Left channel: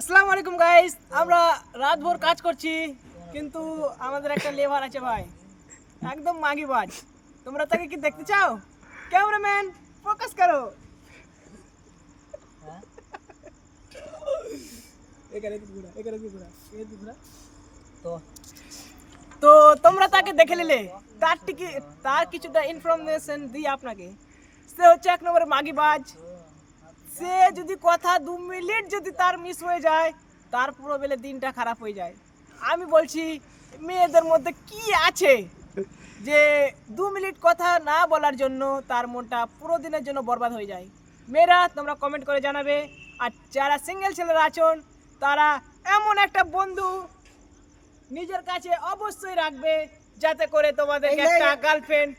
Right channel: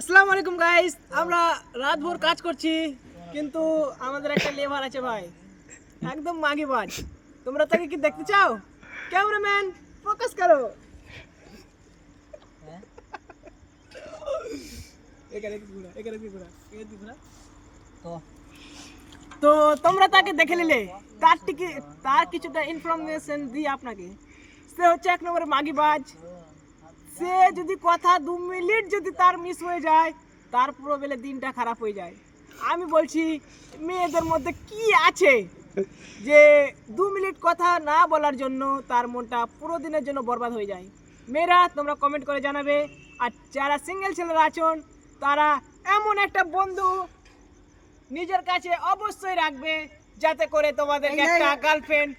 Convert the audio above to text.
আসসালামু আলাইকুম গাইস, আমরা রাত ভোর কাজ করছি কিন্তু আমাদের একটা লেবার আছে ভাই, একদম মাগিবাজ। তোমরা তাকে কি দেখতে চাও? ক্যামেরাম্যান ফোকাস করো। তো তোমরা তাকে দেখে নিলে, তার কিছুটা ইনফরমেশন দিই আপনাকে। সে হচ্ছে এক নম্বরে মাগিবাজ। সে যদি কথা 2 মিনিট যদি তার মিস হয়ে যায়, তার পুরো বেলে দিনটা খারাপ হয়ে যায়। আমি বলছি মেয়েদের মধ্যে কি আছে যে 2 মিনিট কথা না বলার জন্য তার মনটা পুরো দিনের জন্য বরবাদ হয়ে যায়। মেয়েরা তোমরা কমেন্ট করে জানাবে। আর যারা সিঙ্গেল ছেলেরা আছেন তারা এমন একটা বন্ধু নিজের কাছে অবশ্যই রাখবে যাতে করে তোমাদের একটা গার্লফ্রেন্ড